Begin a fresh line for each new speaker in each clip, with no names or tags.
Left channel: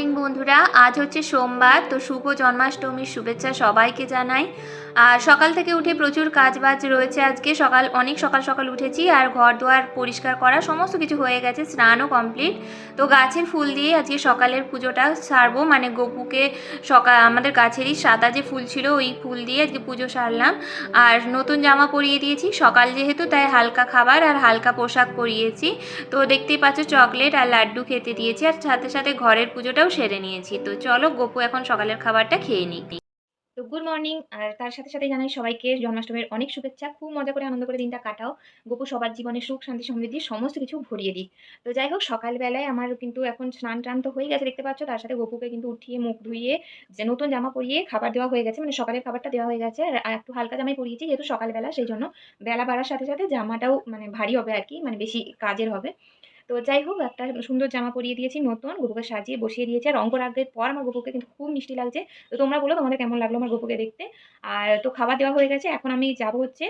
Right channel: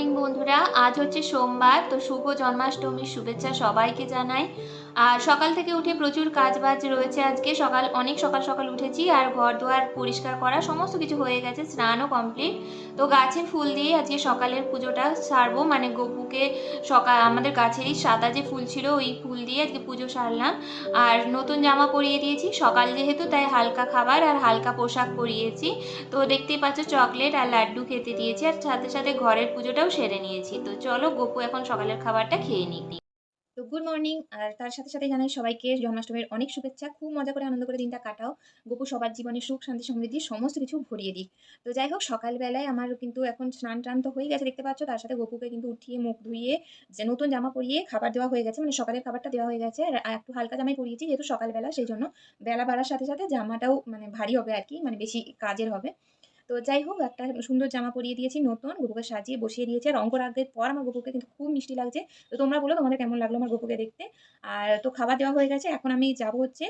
Morning বন্ধুরা, আজ হচ্ছে সোমবার, তো শুভ জন্মাষ্টমীর শুভেচ্ছা সবাইকে জানাই। আর সকাল থেকে উঠে প্রচুর কাজবাজ রয়েছে আজকে, সকাল, অনেক সকাল সকাল উঠেছি আর ঘর দুয়ার পরিষ্কার করা, সমস্ত কিছু হয়ে গেছে, স্নানও কমপ্লিট তো গাছের ফুল দিয়ে আজকে সকালের পুজোটা সারবো মানে গপুকে সকাল আমাদের গাছেরই সাদা যে ফুল ছিল, ওই ফুল দিয়ে আজকে পুজো সারলাম। আর নতুন জামা পরিয়ে দিয়েছি, সকাল যেহেতু তাই হালকা খাবার আর হালকা পোশাক পরিয়েছি। তো দেখতেই পাচ্ছ, চকলেট আর লাড্ডু খেতে দিয়েছি, আর সাথে সাথে ঘরের পুজোটাও সেরে নিয়েছি। তো চলো গোপু এখন সকালের খাবারটা খেয়ে নিই তো গুড মর্নিং আর তার সাথে সাথে জানাই সবাইকে জন্মাষ্টমীর অনেক শুভেচ্ছা। খুব মজা করে আনন্দ করে দিনটা কাটাও। গোপু সবার জীবনে সুখ, শান্তি, সমৃদ্ধি সমস্ত কিছু ভরিয়ে দিক। তো যাই হোক, সকালবেলায় আমার কিন্তু এখন স্নান টান তো হয়ে গেছে, দেখতে পাচ্ছ? তার সাথে গোপুকে কিন্তু উঠিয়ে মুখ ধুইয়ে যে নতুন জামা পরিয়ে খাবার দেওয়া হয়ে গেছে। মানে সকালের খাবারটা দেওয়া হয়ে গেছে, আর একটু হালকা জামাই পরিয়েছি যেহেতু সকালবেলা, সেই জন্য বেলা বাড়ার সাথে সাথে জামাটাও মানে ভারী হবে আর কি মানে বেশি কাজের হবে। তো যাই হোক, একটা সুন্দর জামা পরিয়ে দিয়েছি নতুন, গোপুকে সাজিয়ে বসিয়ে দিয়েছি। আর অঙ্করাগের পর আমার গোপুকে কিন্তু খুব মিষ্টি লাগছে। তো তোমরা বলো তোমাদের কেমন লাগল আমার গোপুকে দেখতে? আর তো খাবার দেওয়া হয়ে গেছে, এখন আমি যাব হচ্ছে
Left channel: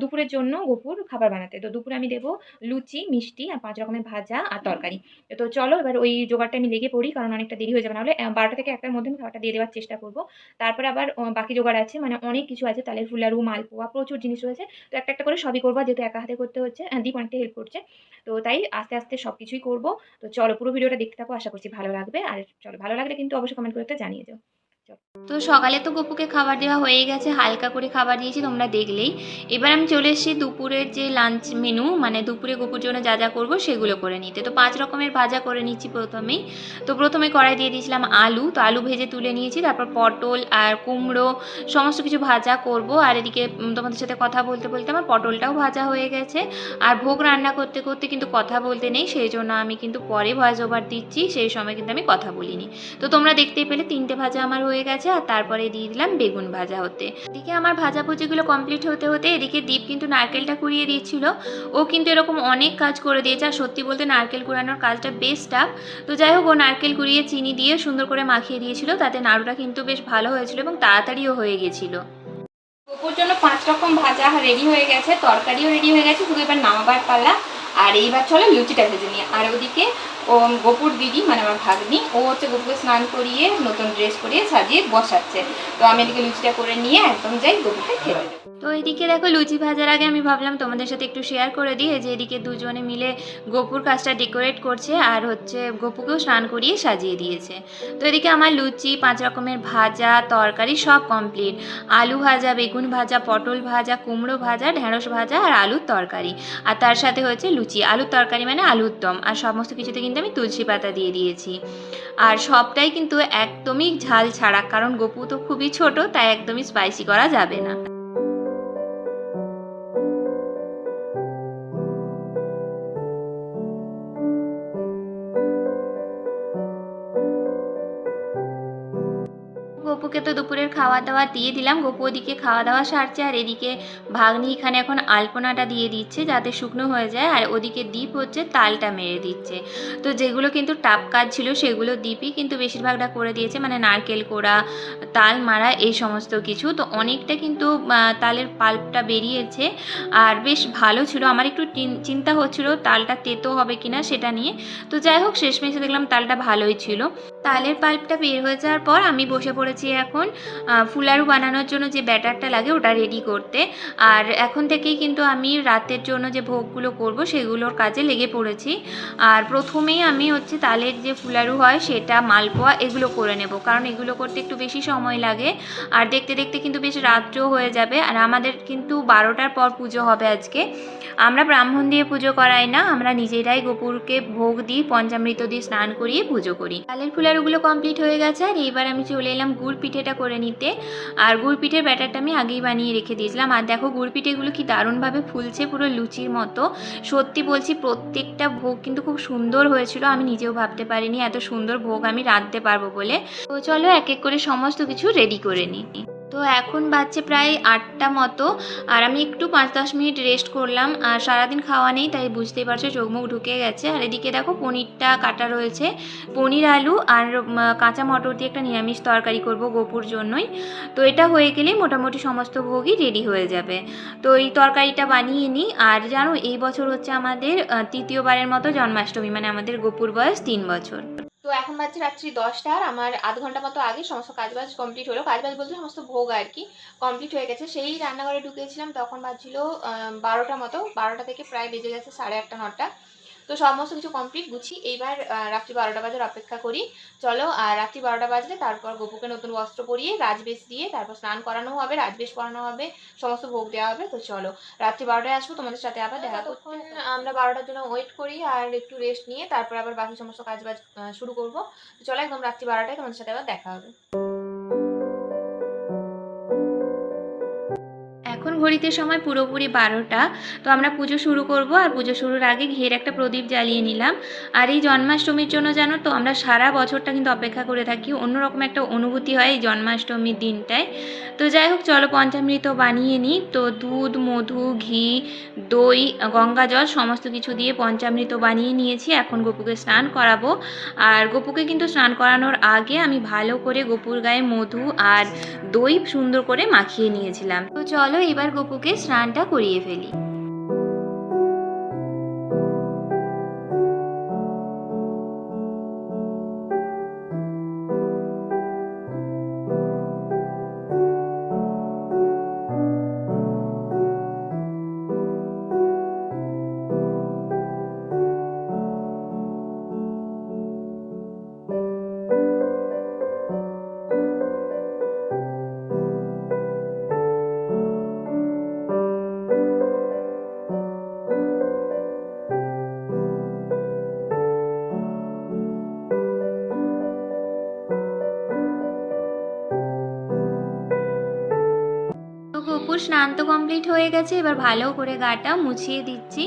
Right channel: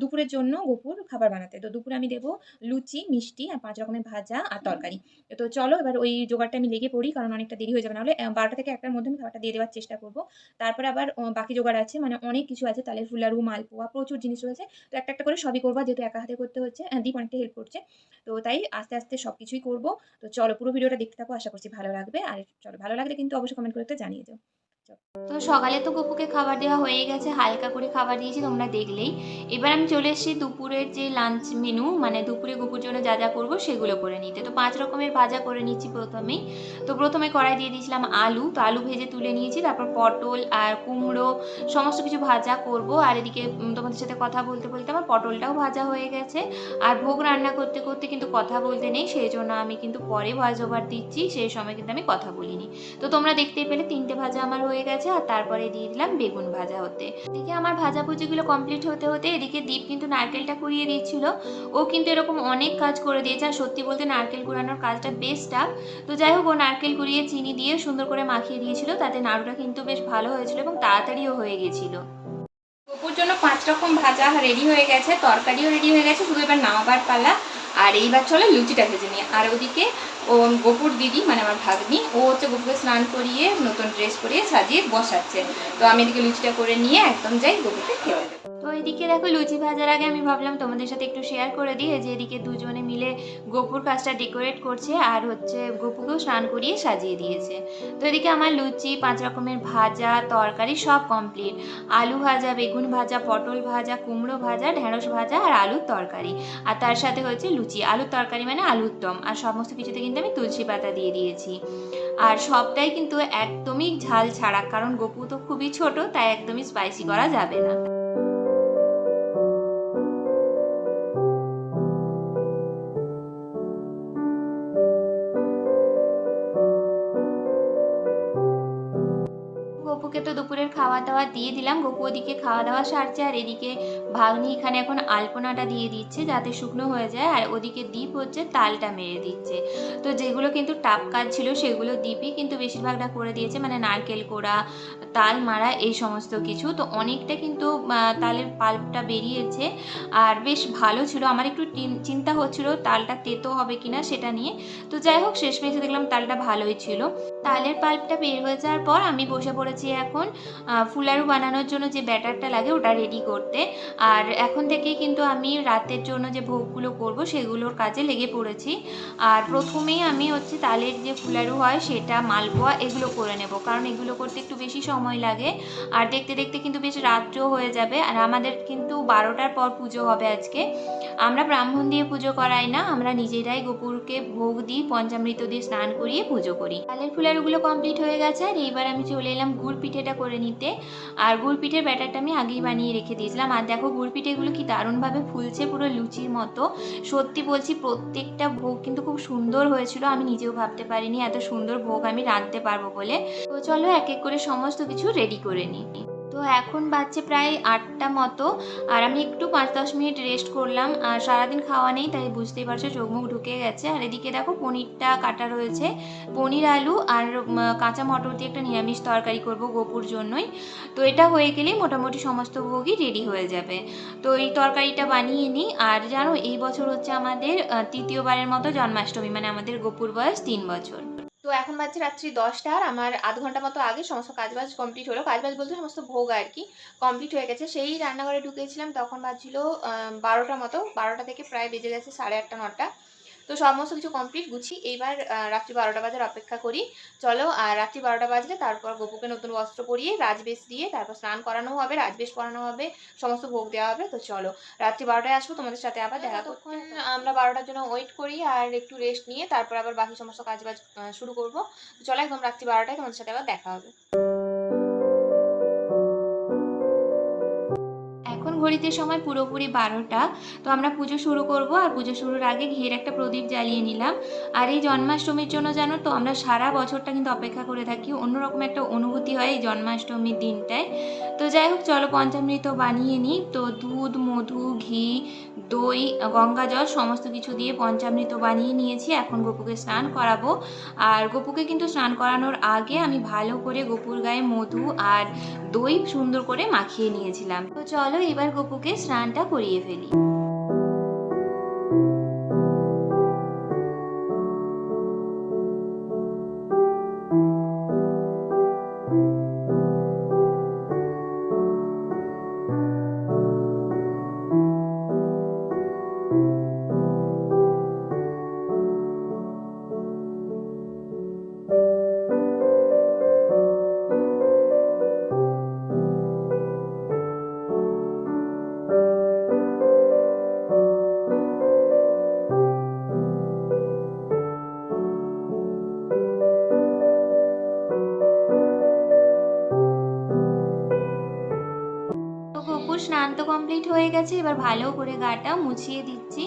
দুপুরের জন্য গোপুর খাবার বানাতে। তো দুপুরে আমি দেবো লুচি, মিষ্টি আর পাঁচ রকমের ভাজা আর তরকারি। তো চলো এবার ওই জোগাড়টা আমি লেগে পড়ি, কারণ অনেকটা দেরি হয়ে যাবে। নাহলে বারোটা থেকে একটার মধ্যে আমি খাবারটা দিয়ে দেওয়ার চেষ্টা করব। তারপরে আবার বাকি জোগাড় আছে মানে অনেক কিছু আছে। তালের ফুলারু, মালপোয়া, প্রচুর জিনিস রয়েছে। তো একটা একটা করে সবই করব, যেহেতু একা হাতে করতে হচ্ছে দীপ অনেকটা হেল্প করছে। তো তাই আস্তে আস্তে সব কিছুই করব। তো চলো পুরো ভিডিওটা দেখতে থাকো, আশা করছি ভালো লাগবে। আর চলো ভালো লাগলে কিন্তু অবশ্যই কমেন্ট করে একটা জানিয়ে যাও তো সকালে তো গপুকে খাবার দেওয়া হয়ে গেছে, হালকা করে খাবার দিয়েছি, তোমরা দেখলেই। এবার আমি চলে এসেছি দুপুরের যে লাঞ্চ মেনু মানে দুপুরে গপুর জন্য যা যা করব সেগুলো করে নিতে। তো পাঁচ রকমের ভাজা করে নিচ্ছি প্রথমেই। তো প্রথমে কড়াই দিয়ে দিয়েছিলাম আলু, তো আলু ভেজে তুলে নিয়েছি, তারপর পটল আর কুমড়ো, সমস্ত কিছু ভাজা করব। আর এদিকে তোমাদের সাথে কথা বলতে বলতে আমার পটলটাও ভাজা হয়ে গেছে। আর ভোগ রান্না করতে করতে কিন্তু কথা বলতে নেই, সেই জন্য আমি কিন্তু পরে ভয়েস ওভার দিচ্ছি, সেই সময় কিন্তু আমি কথা বলিনি। তো তোমরা দেখতেই পেলে তিনটে ভাজা আমার হয়ে গেছে আর তারপরে দিয়ে দিলাম বেগুন ভাজা হতে। এদিকে আমার ভাজাভুজিগুলো কমপ্লিট হতে হতে এদিকে দীপ কিন্তু নারকেলটা কুড়িয়ে দিচ্ছিল ও কিন্তু এরকম অনেক কাজ করে দিয়েছে আর সত্যি বলতে নারকেল কুড়ানোর কাজটা বেশ টাফ তো যাই হোক, ও নারকেল কুড়িয়ে চিনি দিয়ে সুন্দর করে মাখিয়ে দিয়েছিল। তাতে নাড়ুটা কিন্তু বেশ ভালো হয়েছিল এবং তাড়াতাড়িও হয়ে গেছিল। গোপুর জন্য পাঁচ রকম ভাজা রেডি হয়ে গেছে, তরকারিও রেডি হয়ে গেছে। শুধু এবার নামাবার পালা। আর এইবার চলো লুচিটা ভেজে নিই আর ওদিকে, ও গোপুর দিদি মানে আমার ভাগ্নি, ও হচ্ছে গোপুকে স্নান করিয়ে নতুন ড্রেস পরিয়ে সাজিয়ে বসাচ্ছে। তো আমি এদিকে লুচিটা করে নিয়ে একদম যাই গোপুকে খেতে দেবো। তো এদিকে দেখো লুচি ভাজার আগে আমি ভাবলাম তোমাদের সাথে একটু শেয়ার করে দিই। যে এদিকে দুজনে মিলে গোপুর কাজটা ডেকোরেট করছে আর হচ্ছে গোপুকেও স্নান করিয়ে সাজিয়ে দিয়েছে। তো এদিকে আমার লুচি, পাঁচ রকমের ভাজা, তরকারি সব কমপ্লিট আলু ভাজা, বেগুন ভাজা, পটল ভাজা, কুমড়ো ভাজা, ঢেঁড়স ভাজা আর আলুর তরকারি। আর তার সাথে হচ্ছে লুচি। আলুর তরকারি মানে আলুর দম। আর সমস্ত কিছুতে কিন্তু আমি তুলসী পাতা দিয়ে দিয়েছি। আর সবটাই কিন্তু একদমই ঝাল ছাড়া। কারণ গপু তো খুবই ছোট, তাই একদমই স্পাইসি করা যাবে না। তো দুপুরের খাওয়া দাওয়া দিয়ে দিলাম। গপু ওদিকে খাওয়া দাওয়া সারছে আর এদিকে ভাগ্নি এখানে এখন আলপনাটা দিয়ে দিচ্ছে যাতে শুকনো হয়ে যায়। আর ওদিকে দ্বীপ হচ্ছে তালটা মেরে দিচ্ছে। তো যেগুলো কিন্তু টাপ কাজ ছিল সেগুলো দ্বীপই কিন্তু বেশিরভাগটা করে দিয়েছে। মানে নারকেল কোড়া, তাল মারা এই সমস্ত কিছু। তো অনেকটা কিন্তু তালের পাল্পটা বেরিয়েছে। আর বেশ ভালো ছিল। আমার একটু চিন্তা হচ্ছিল তালটা তেতো হবে কিনা সেটা নিয়ে। তো যাই হোক, শেষমেশে দেখলাম তালটা ভালোই ছিল। তালের পাল্পটা বের হয়ে যাওয়ার পর আমি বসে পড়েছি এখন ফুলারু বানানোর জন্য যে ব্যাটারটা লাগে ওটা রেডি করতে। আর এখন থেকেই কিন্তু আমি রাতের জন্য যে ভোগগুলো করব সেগুলোর কাজে লেগে পড়েছি। আর প্রথমেই আমি হচ্ছে তালের যে ফুলারু হয় সেটা মালপোয়া এগুলো করে নেব, কারণ এগুলো করতে একটু বেশি সময় লাগে। আর দেখতে দেখতে কিন্তু বেশ রাত্রেও হয়ে যাবে। আর আমাদের কিন্তু বারোটার পর পুজো হবে আজকে। আমরা ব্রাহ্মণ দিয়ে পুজো করাই না, আমরা নিজেরাই গোপুরকে ভোগ দিই, পঞ্চামৃত দিয়ে স্নান করিয়ে পুজো করি। তালের ফুলারুগুলো কমপ্লিট হয়ে গেছে আর এইবার আমি চলে এলাম গুড় পিঠেটা করে নিতে। আর গুড় পিঠের ব্যাটারটা আমি আগেই বানিয়ে রেখে দিয়েছিলাম। আর দেখো গুড় পিঠেগুলো কি দারুণভাবে ফুলছে পুরো লুচির মতো। সত্যি বলছি প্রত্যেকটা ভোগ কিন্তু খুব সুন্দর হয়েছিল। আমি নিজেও ভাবতে পারিনি এত সুন্দর ভোগ আমি রাঁধতে পারব বলে। তো চলো এক এক করে সমস্ত কিছু রেডি করে নিই। তো এখন বাজছে প্রায় আটটা মতো, আর আমি একটু পাঁচ দশ মিনিট রেস্ট করলাম, আর সারাদিন খাওয়া নেই, তাই বুঝতেই পারছ চোখ মুখ ঢুকে গেছে। আর এদিকে দেখো পনিরটা কাটা রয়েছে, পনির আলু আর কাঁচা মটর দিয়ে একটা নিরামিষ তরকারি করব গোপুর জন্যই। তো এটা হয়ে গেলেই মোটামুটি সমস্ত ভোগই রেডি হয়ে যাবে। তো এই তরকারিটা বানিয়ে নিই, আর জানো এই বছর হচ্ছে আমাদের তৃতীয়বারের মতো জন্মাষ্টমী মানে আমাদের গোপুর বয়স তিন বছর। তো এখন বাজছে রাত্রি দশটা আর আমার আধ ঘণ্টা মতো আগে সমস্ত কাজবাজ কমপ্লিট হলো। কাজবাজ বলতে সমস্ত ভোগ আর কি কমপ্লিট হয়ে গেছে। সেই রান্নাঘরে ঢুকেছিলাম, তখন বাজছিল বারোটা মতো, বারোটা থেকে প্রায় বেজে গেছে সাড়ে আটটা, নটা। তো সমস্ত কিছু কমপ্লিট গুছি এইবার রাত্রি বারোটা বাজার অপেক্ষা করি। চলো আর রাত্রি বারোটা বাজলে তারপর গোপুকে নতুন বস্ত্র পরিয়ে রাজবেশ দিয়ে তারপর স্নান করানো হবে রাজবেশ করানো হবে সমস্ত ভোগ দেওয়া হবে। তো চলো রাত্রি বারোটায় আসব তোমাদের সাথে আবার দেখা তখন আমরা বারোটার জন্য ওয়েট করি আর একটু রেস্ট নিয়ে তারপর আবার বাকি সমস্ত কাজ বাজ শুরু করব। তো চলো একদম রাত্রি বারোটায় তোমাদের সাথে আবার দেখা হবে। এখন ঘড়িতে সময় পুরোপুরি বারোটা, তো আমরা পুজো শুরু করব আর পুজো শুরুর আগে ঘিয়ের একটা প্রদীপ জ্বালিয়ে নিলাম। আর এই জন্মাষ্টমীর জন্য জানো তো, আমরা সারা বছরটা কিন্তু অপেক্ষা করে থাকি, অন্যরকম একটা অনুভূতি হয় এই জন্মাষ্টমীর দিনটায়। তো যাই হোক, চলো পঞ্চামৃত বানিয়ে নিই। তো দুধ, মধু, ঘি, দই, গঙ্গা জল সমস্ত কিছু দিয়ে পঞ্চামৃত বানিয়ে নিয়েছি। এখন গপুকে স্নান করাবো। আর গপুকে কিন্তু স্নান করানোর আগে আমি ভালো করে গপুর গায়ে মধু আর দই সুন্দর করে মাখিয়ে নিয়েছিলাম। তো চলো এবার গপুকে স্নানটা করিয়ে ফেলি। স্নান তো কমপ্লিট হয়ে গেছে, এবার ভালো করে গাটা মুছিয়ে দিচ্ছি।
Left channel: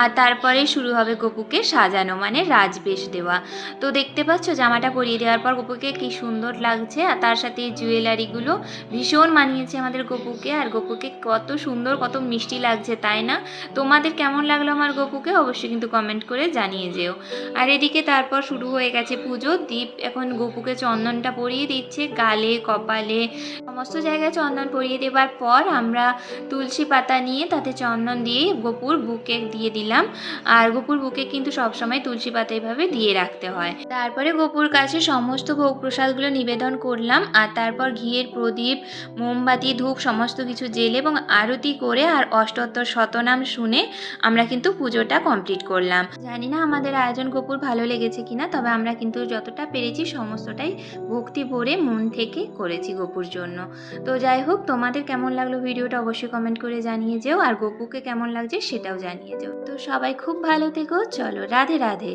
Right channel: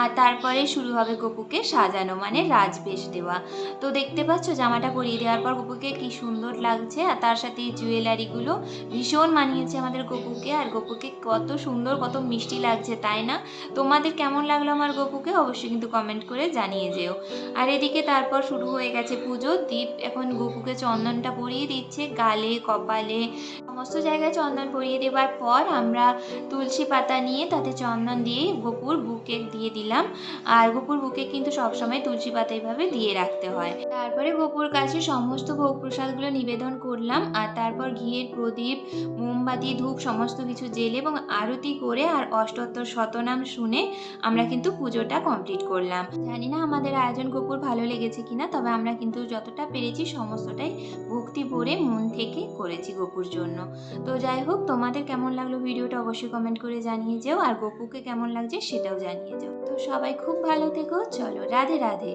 আর তারপরে শুরু হবে গপুকে সাজানো মানে রাজবেশ দেওয়া। তো দেখতে পাচ্ছ জামাটা পরিয়ে দেওয়ার পর গপুকে কি সুন্দর লাগছে, আর তার সাথে জুয়েলারিগুলো ভীষণ মানিয়েছে আমাদের গপুকে। আর গপুকে কত সুন্দর, কত মিষ্টি লাগছে, তাই না? তোমাদের কেমন লাগল আমার গপুকে অবশ্যই কিন্তু কমেন্ট করে জানিয়ে যেও। আর এদিকে তারপর শুরু হয়ে গেছে পুজো, দীপ। এখন গপুকে চন্দনটা পরিয়ে দিচ্ছে, গালে, কপালে, সমস্ত জায়গায় চন্দন পরিয়ে দেওয়ার পর আমরা তুলসী পাতা নিয়ে তাতে চন্দন দিয়ে গোপুর বুকে দিয়ে দিলাম। আর গোপুর বুকে কিন্তু সবসময় তুলসী পাতা এভাবে দিয়ে রাখতে হয়। তারপরে গোপুর কাছে সমস্ত ভোগ প্রসাদগুলো নিবেদন করলাম। আর তারপর ঘিয়ের প্রদীপ, মোমবাতি, ধূপ, সমস্ত কিছু জেলে এবং আরতি করে আর অষ্টোত্তর শতনাম শুনে আমরা কিন্তু পুজোটা কমপ্লিট করলাম। জানি না আমাদের আয়োজন গোপুর ভালো লেগেছে কিনা, তবে আমরা কিন্তু যতটা পেরেছি সমস্তটাই ভক্তি ভরে মন থেকে করেছি গোপুর জন্য। তো যাই হোক, তোমাদের কেমন লাগল ভিডিওটা অবশ্যই কমেন্ট করে জানিয়ে যেও, আর গোপুকে কেমন লাগছে সেটাও জানিয়ে যেও। তো সবাই খুব ভালো থেকো, চলো রাধে রাধে।